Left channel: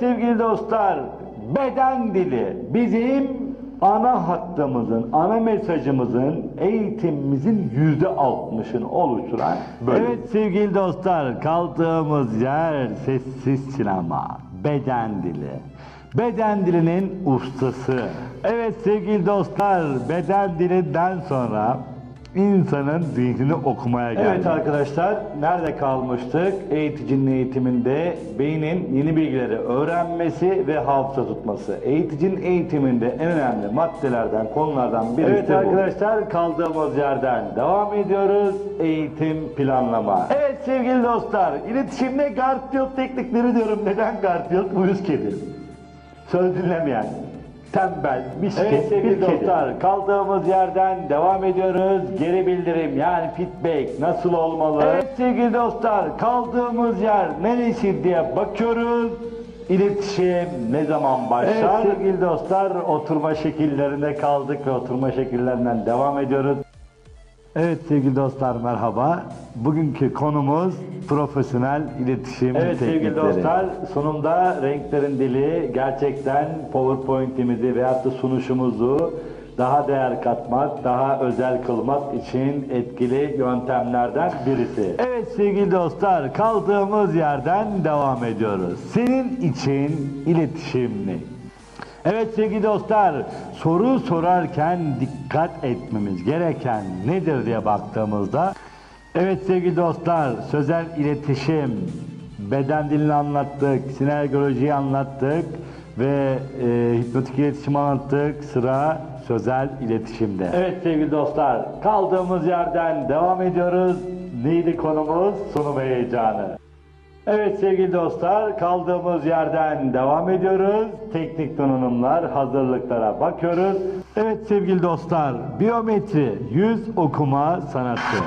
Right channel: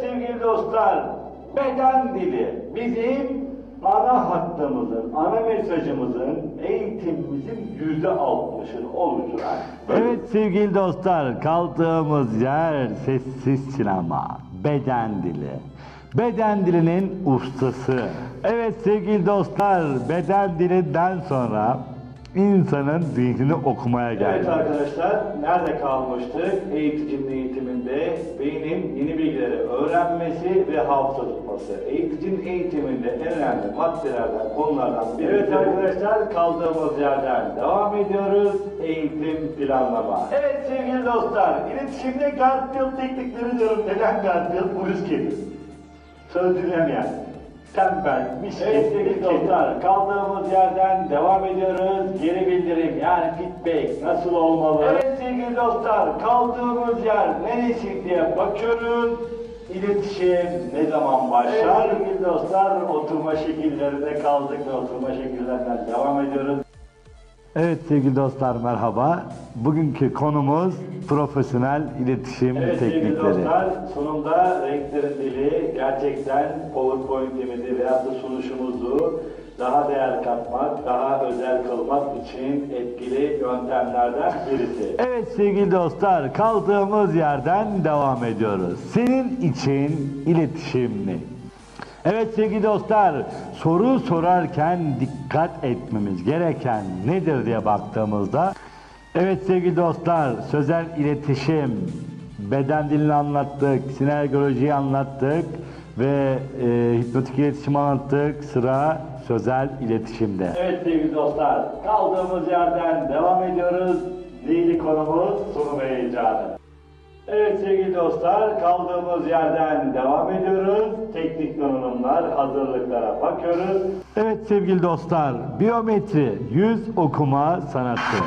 sevgili dostlar, beden dili bizim ana hattımızın, ana mesajımızın, eğitimimizin yüzde altmışını oluşturan bölüm. Evet sevgili dostlar, kaldığımız yer sessiz sinema, beden dili. Beden dilinin ustası. Evet sevgili dostlar, beden dilinden sonra insanın zihnini okumaya geldik. Evet arkadaşlar, nerede kalmıştık? Eğiticinin eğitiminde beynin yeni bilgileri öğrenmesi ve hafıza tutması. Eğiticinin eğitiminde en önemli maddelerden, konulardan birisi Evet arkadaşlar, kaldığımız yerden devam ediyoruz. Eğitim planlama. Evet sevgili dostlar, iletişimde gardiyot teknikleri diyorum. Neden gardiyot? Uyuz kedi. Söz dinlemeyen, tembel, miskin, evet, sevgili dostlar kaldığımız yerden devam ediyoruz. Geri bildirim yani feedback nasıl olmalı? Evet sevgili dostlar kaldığımız yer neresi diye bakıyoruz. İletişim ne zaman başlar? Evet sevgili dostlar oturma şekillerinde kaldık ve oturma şekillerinden devam ediyoruz. Evet sevgili dostlar merhaba. Bugünkü konumuz profesyonel iletişim Evet sevgili teknikleri. dostlar sonunda renklerin dili gerçekten PowerPoint'imizi veyahut da sunuşumuzu daha değer katmak, daha özel kılmak için etkili yöntemlerden birisi. Evet sevgili dostlar kaldığımız yerden devam ediyoruz. Senin için iletişim ne? Evet sevgili dostlar soru sorarken dikkat etmemiz gereken nedir diye baktığımızda Evet sevgili dostlar sözel iletişim beden dilini anlattık, sinergolojiyi anlattık ve e, hipnotik iletişim anlattık. Sıra sözel iletişimde. Evet sevgili dostlar kaldığımız yerden devam ediyoruz. Neydi konumuz? Sunum heyecanı. Evet sevgili dostlar kaldığımız yerden devam ediyoruz. Teknik donanımlar, hazırlıklara bakıyoruz. Evet sevgili dostlar, biyometri, yüz okuma sanatı.